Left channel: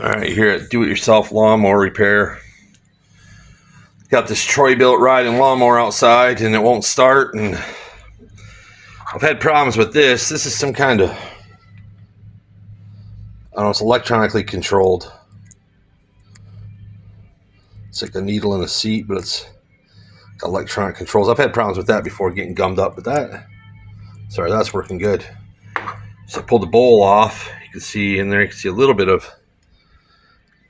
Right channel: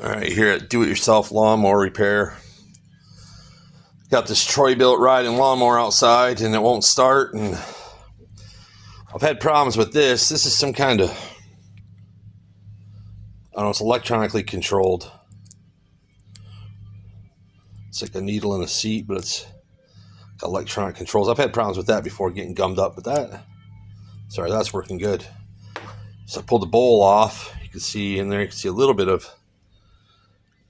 All right, here at Do-It-Yourself Lawnmower Repair. Got this Troy-Bilt riding lawnmower outside and it won't start, and I've had problems with this. This is some kind of, I don't know, it's electronically controlled. It's like a needle in a seat, but it's got electronic controls. I've had problems with that before getting gummed up, but that's working good. So I pulled the bowl off. You can see in there, you can see a little bit of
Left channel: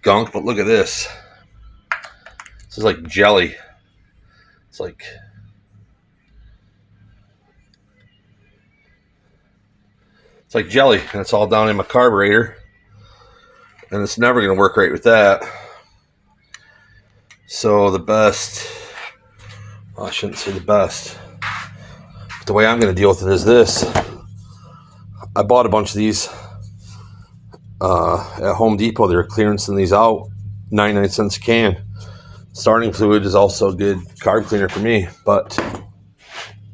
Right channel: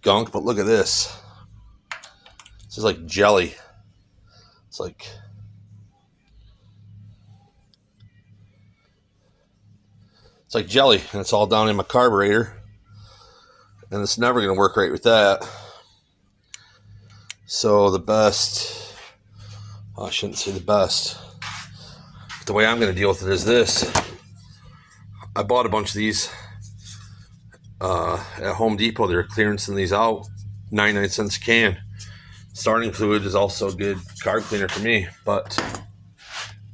gunk, but look at this. This is like jelly. It's like jelly, and it's all down in my carburetor, and it's never going to work right with that. So the best, well, I shouldn't say the best, but the way I'm going to deal with it is this. I bought a bunch of these at Home Depot. They were clearancing these out, 99 cents a can. Starting fluid is also a good carb cleaner for me, but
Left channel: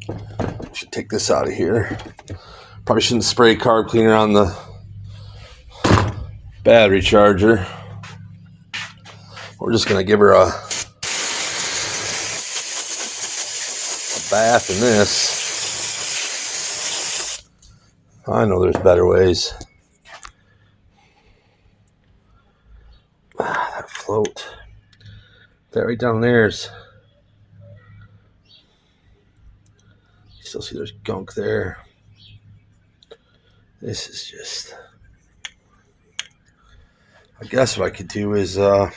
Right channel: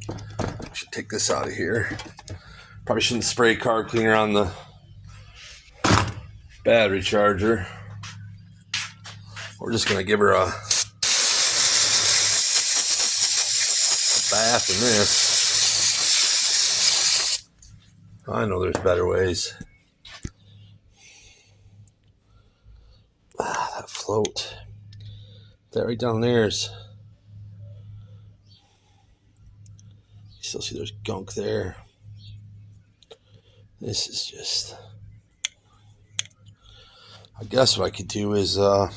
I should take this out of here. Probably shouldn't spray carb cleaner on the battery charger. We're just going to give her a bath in this. I know there's better ways. That float. That right down there's. You still see there's gunk there. This is just, I guess what I could do is I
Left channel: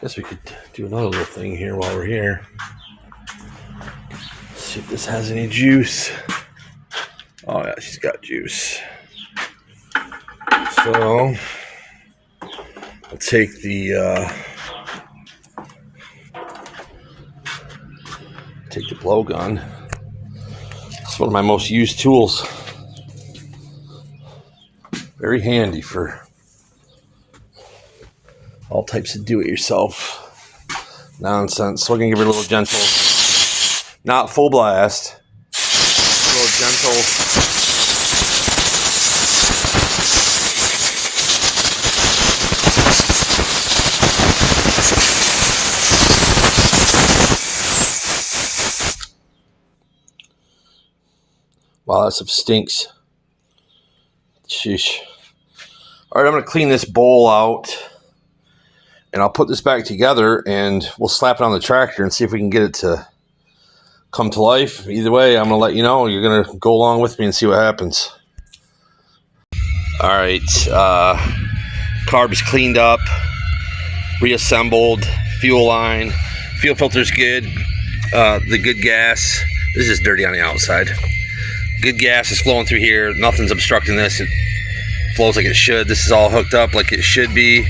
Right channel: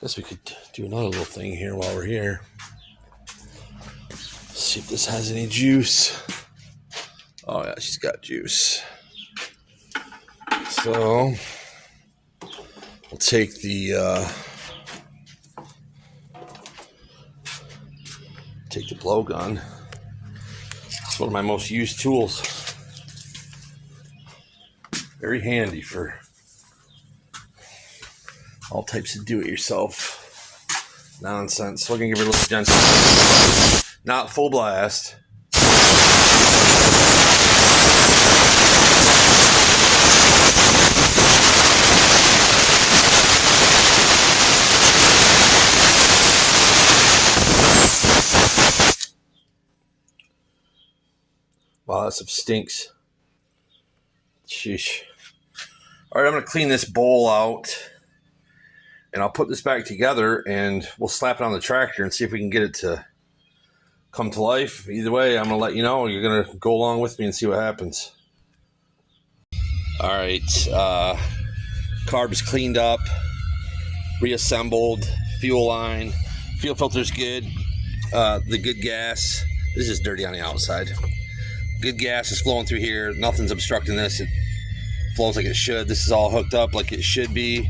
guess we could do another little thing here while we're here. See if this has any juice. Oh yeah, she's got juice. So I'll take the blowgun. It's one of my most used tools. Very handy for all types of do-it-yourself nonsense. So we're gonna give it a little gentle, not full blast. Wow, that stuff stinks. Sheesh. All right, I'm going to clean this bowl out, and I'll put this back together, and we'll slap it on the tractor and see if we can get it to come to life. Either way, I'm going to let you know. You're going to go along with me and see what happens. All right, carb is cleaned up, reassembled, fuel line, fuel filter's good, the good gas. This is dirty on the outside. Good gas is flowing through here. Nothing's obstructing this. It flows like it should. This is all hooked up like it should be.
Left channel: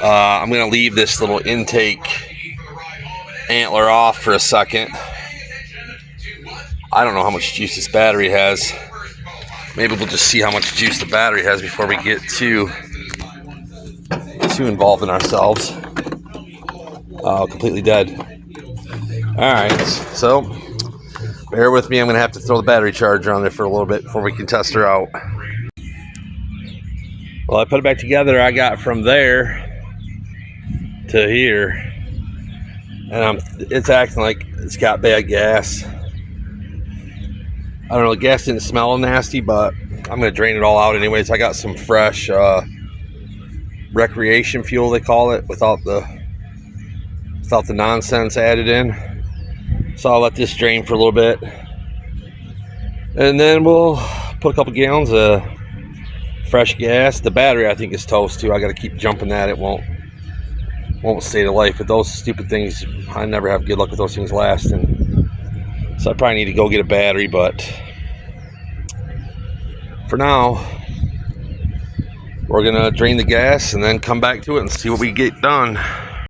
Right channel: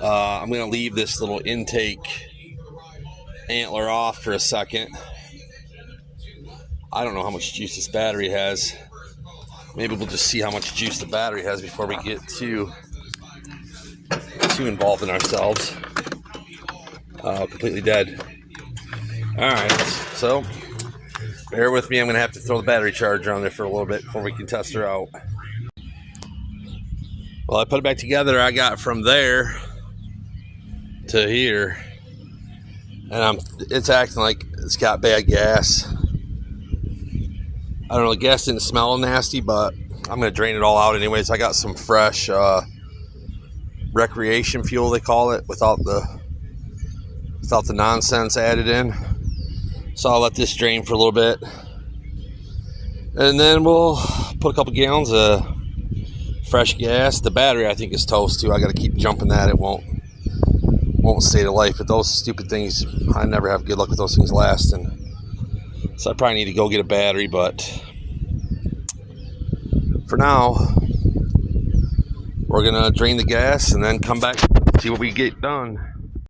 I'm going to leave this little intake antler off for a second. I don't know how much juice this battery has. Maybe we'll just see how much juice the battery has before we get too involved in ourselves. Completely dead. All right, so bear with me. I'm going to have to throw the battery charger on there for a little bit before we can test her out. Well, I put it back together. I got from there to here, and it's acting like it's got bad gas. I don't know, the gas didn't smell nasty, but I'm going to drain it all out anyways. I got some fresh recreation fuel, they call it, without the nonsense added in. So I'll let this drain for a little bit, and then we'll put a couple gallons of fresh gas. The battery I think is toast too. I got to keep jumping that. It won't stay to life. But those stupid things, I never have good luck with those things lasting. So I probably need to go get a battery. But for now, we're gonna drain the gas and then come back to it and see what we get done.